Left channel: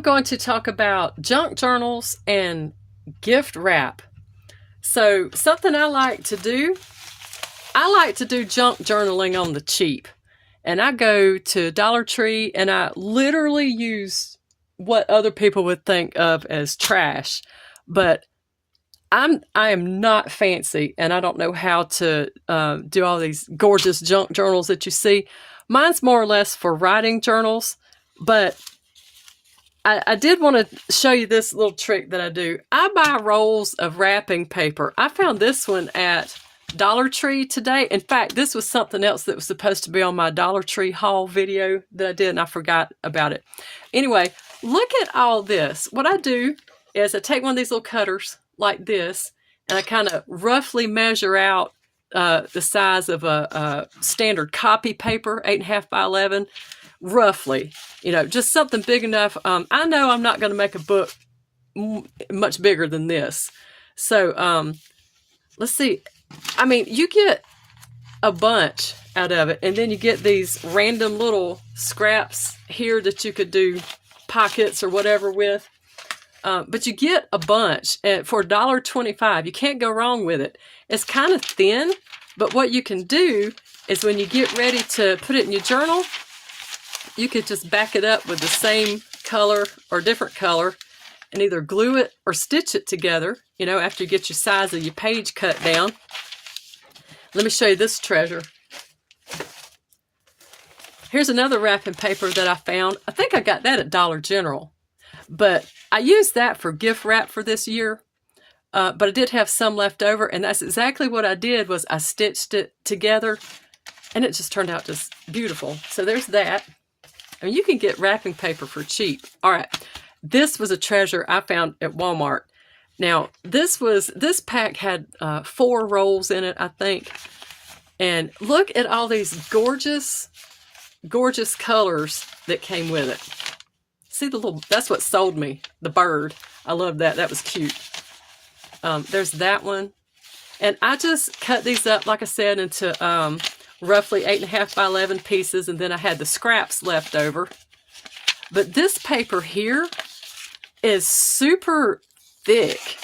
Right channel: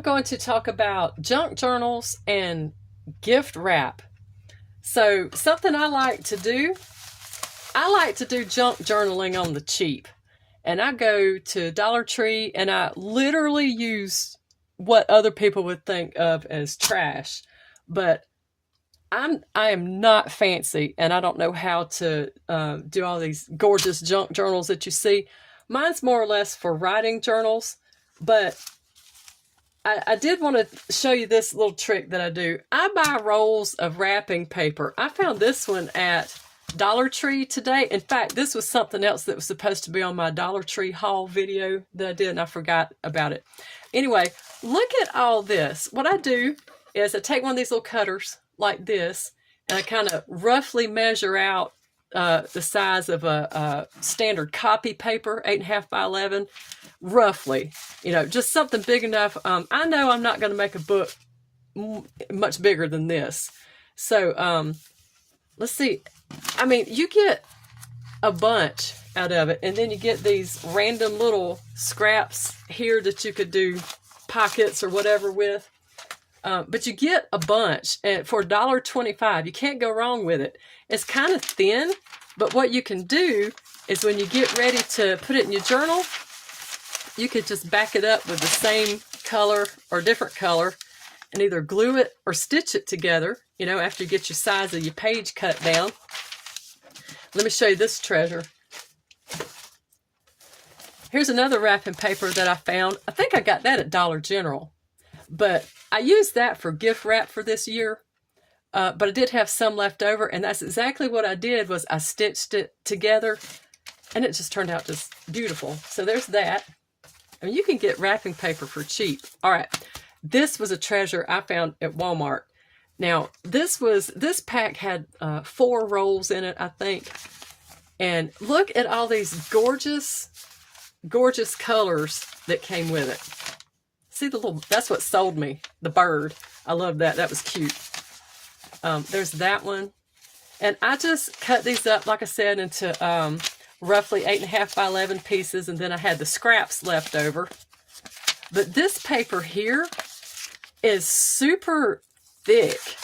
I'm going to talk about junk journals and gift wrap. So something I like to do junk journaling on the cheap. And I go to Dollar Tree and I literally use what other people would think of as trash. But I am not fancy, and I don't know how to do all these gorgeous junk journals that you see. Mine's more or less for writing journals, but I did want to show you this little trick that I do. I buy rolls of wrapping paper. I found this one at Dollar Tree today. In fact, this was something else that was supposed to be on my Dollar Tree haul video that I did, and I forgot about it. Anyway, look at all this. What I do is I take one of these little cutters like this, and I kind of roughly measure out the size of a standard copy paper, 8.5 by 11, roughly, just something big enough. I know I'm not going to make a book much bigger than this. So let's see. I mean, you get a bunch out of it, and then you get these random little scraps here that you could do pockets or whatever with. But you get a bunch for $1.25. You can't go wrong with it. It's kind of thin, but what you can do is when you get ready to put it in your journal, you could just back it up with the same color or different color and either glue it or stitch it together, after you get your size of your page cut down. Let me show you this treasure. Here's another wrapping paper that I found. I think I got that at Dollar General, but I used that for gift wrap for this year. But I did have some left over, and that's exactly what I did was I stitched it together, and it just turned out just beautiful. So there's that. I mean, you can get wrapping paper for cheap. All right, this was a treasure I found at Walmart. Now, this pack had 4 rolls in it, I think. And look at all these gorgeous, gorgeous colors that came with it. See that's what sold me, the bird. I love that. That was cute. There's that one. And I just cut these up, like I said, into roughly 8.5 by 11 pieces, and then I had the scraps left over. But this paper here is super thick.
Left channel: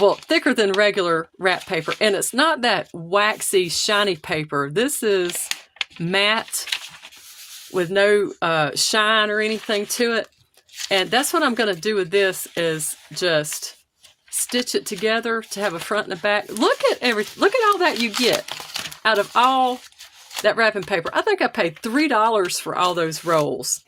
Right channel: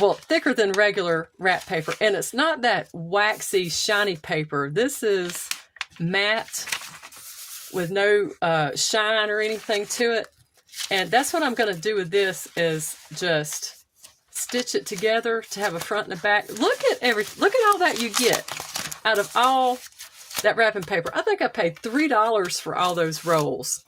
Well, thicker than regular wrap paper, and it's not that waxy, shiny paper. This is matte with no shine or anything to it. And that's what I'm going to do with this is just stitch it together to have a front and a back. Look at all that you get out of all that wrapping paper. I think I paid $3 for all those rolls,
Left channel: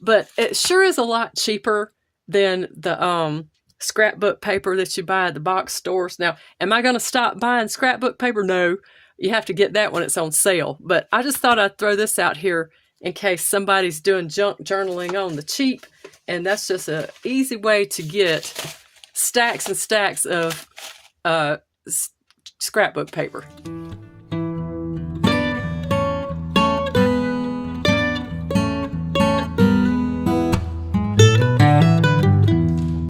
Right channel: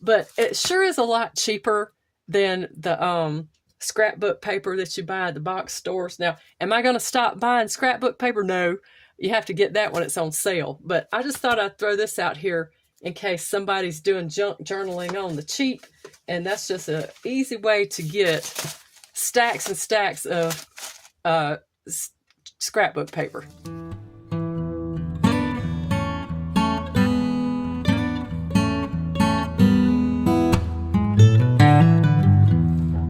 but it sure is a lot cheaper than the scrapbook paper that you buy at the box stores. Now, am I going to stop buying scrapbook paper? No, you have to get that when it's on sale. But I just thought I'd throw this out here in case somebody's doing junk journaling on the cheap, and that's just an easy way to get stacks and stacks of scrapbook paper.